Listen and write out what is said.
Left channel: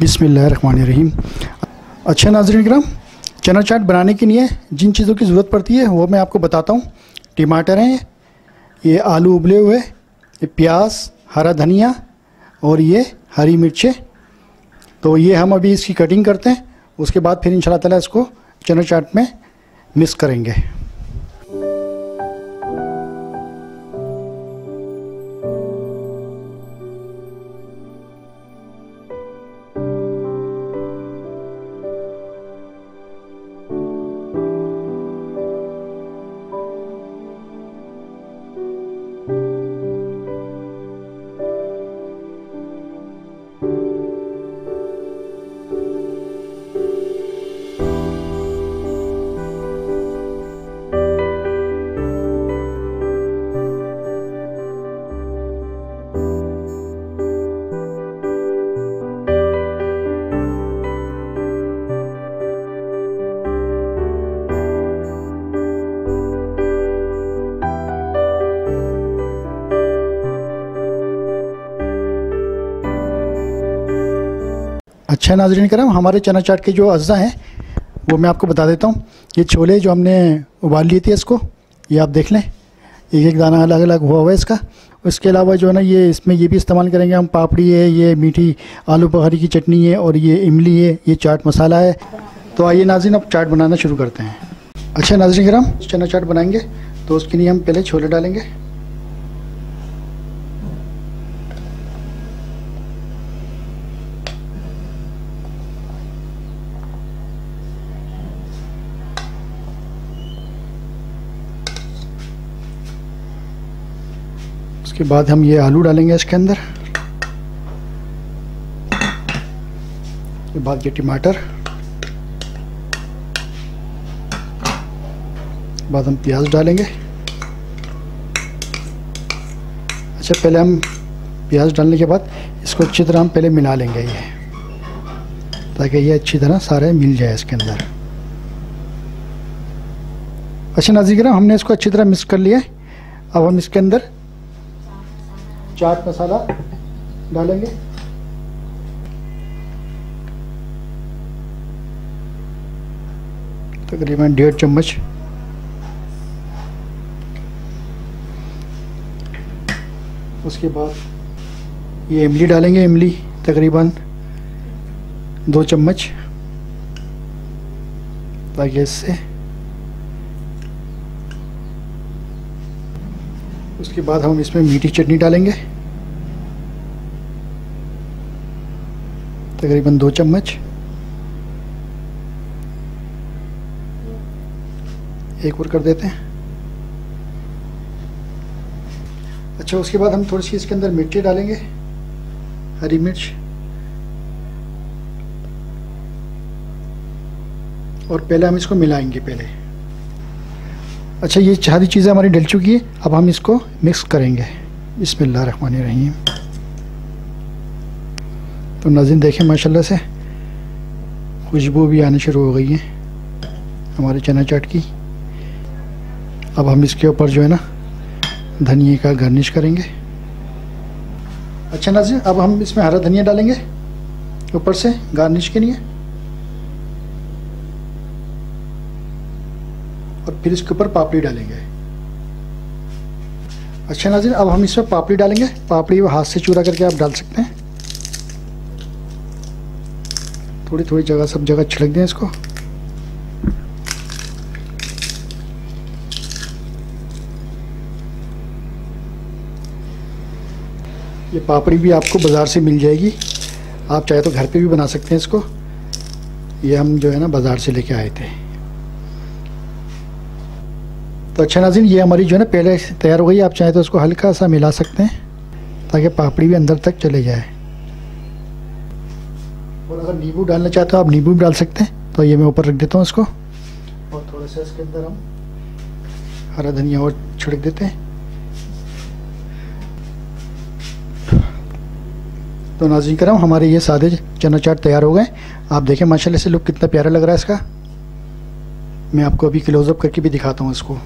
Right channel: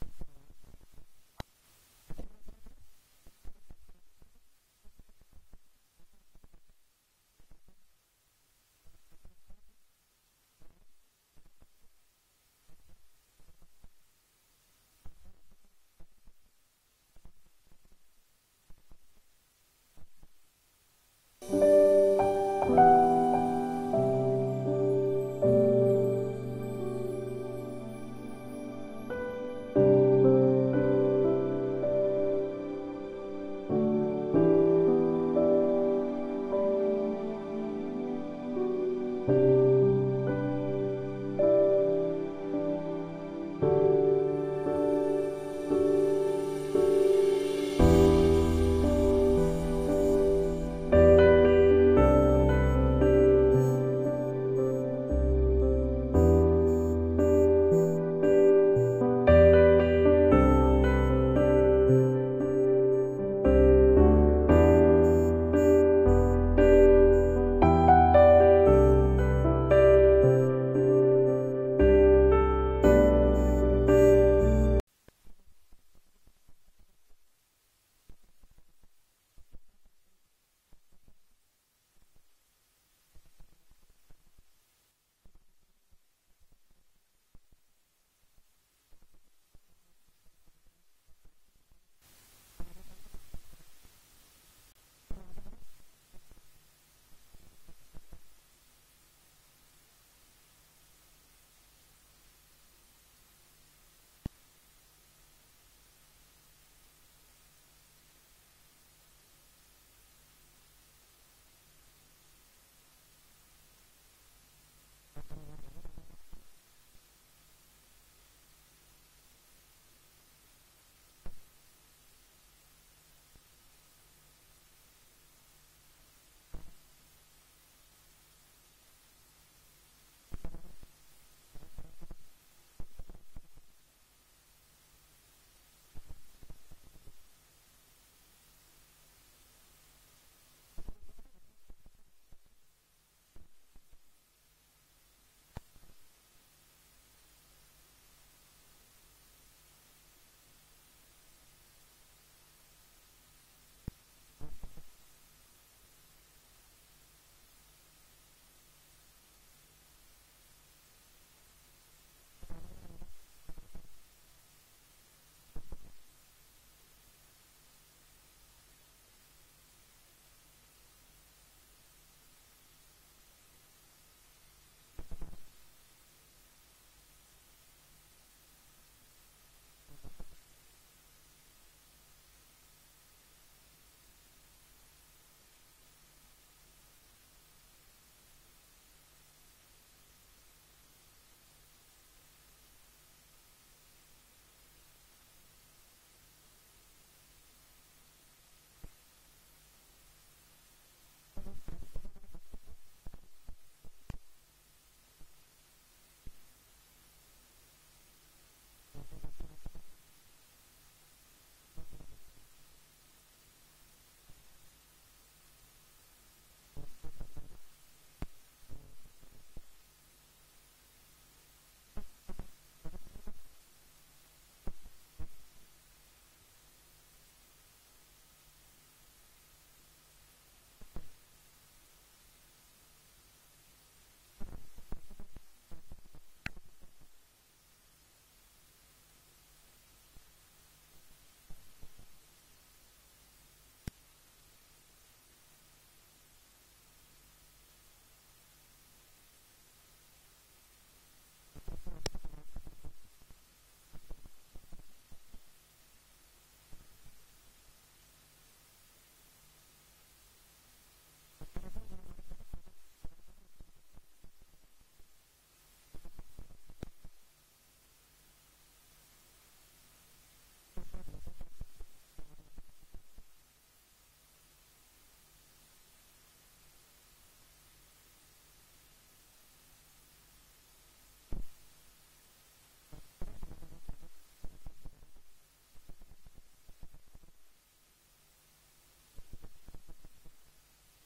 बिस्मिल्लाहिर्रहमानिर्रहीम। अच्छा नाज़रीन किराम, चना चाट बनाने के लिए जिन चीज़ों की ज़रूरत पड़ती है वो मैं आपको बताता हूँ। टमाटर हैं, ये आलू उबले हुए, ये प्याज, हरा धनिया और ये हरी मिर्चें। तो ये हम अभी इसकी कटिंग करते हैं, उसके बाद फिर इंशाल्लाह ताला इसको चना चाट में मिक्स करेंगे। अच्छा नाज़रीन करम, हमारे चना चाट के जो अज्जा हैं वो मैं आपको बता देता हूँ। ये छोले जो हमने उबाल लिए थे, इसको ये आप देख लें, एक एक दाना अलग अलग हुआ है इसका। उसके अलावा जो है ना, ये इसमें ये भी इस्तेमाल करेंगे हम, पापड़ी है, ये मीठी आलू बुखारी की चटनी है और ये इमली है, ये चाट मसाला है। तो आइए नाज़रीन, अब चाट बनाना शुरू करते हैं। अच्छा नाज़रीन करम, चना चाट बनाएंगे तो उसके लिए हम पहले छोले डालेंगे। उसके बाद हम ये आलू डालेंगे इसके अंदर, उसके बाद ये टमाटर, बाद हम प्याज डालेंगे। अच्छा, पहले हम प्याज डालने के बाद इसको अच्छी तरह हम पहले मिला लेंगे ये, ताकि ये अच्छी तरह सारे मिल जाए इसके अंदर। अच्छा नाज़रीन, हमने इसको अच्छी तरह मिक्स कर लिया है। अब हम इसके अंदर चाट मसाला डालेंगे, तकरीबन 1.5 चम्मच। उसके बाद ये इमली डालेंगे, इमली तकरीबन 2 चम्मच, ताकि इससे। उसके बाद हम इसमें मीठी चटनी डालेंगे, तकरीबन 2 चम्मच। एक और कर देते हैं। अच्छा, उसके बाद हम थोड़ी सी इसके अंदर मिर्ची डालेंगे, हरी मिर्च, और पहले हम इसको मिलाएंगे पहले। अच्छा, ये सारी चीज़ें हमारी डल चुकी है, अब हम इसको मिक्स करेंगे। बिस्मिल्लाहिर्रहमानिर्रहीम। तो नाज़रीन देखें, माशाल्लाह से खुशबू भी आनी शुरू हो गई है हमारे चना चाट की। अब हम इसके ऊपर जो है ना धनिया का गार्निश करेंगे। अच्छा नाज़रीन, अब हम इसमें हरा धनिया डालेंगे ऊपर से गार्निश के लिए, और फिर इसके ऊपर पापड़ी डालेंगे। अच्छा नाज़रीन, अब हम इसमें पापड़ी डालेंगे। पापड़ी वो हाथ से चूरा करके आप डाल सकते हैं, थोड़ी थोड़ी जगह, सब जगह छिड़क दें इसको। ये पापड़ी भी आपको बाज़ार से मिल जाएगी, आप चाहे तो घर पे भी बना सकते हैं इसको। ये हम जो है ना बाज़ार से लेके आए थे। तो अच्छा नाज़रीन, ये हमारी जो है ना पहले तैयार हो गई। आप चाहे तो उसको हल्का सा मिला सकते हैं, ताकि पापड़ी भी अंदर तक चले जाए। और अगर नींबू डालना चाहते हो आप नींबू भी डाल सकते हैं। तो ये मैं ऊपर रख देता हूँ इसको, और थोड़ा सा इसके अंदर हम हरा धनिया और छिड़क देते हैं। तो नाज़रीन करम, हमारे ये सादे चना चाट तैयार हो गए। आप देखें माशाल्लाह से लुक कितना प्यारा लग रहा है इसका। मैं आपको अभी क्लोज़अप करके भी दिखाता हूँ इसको।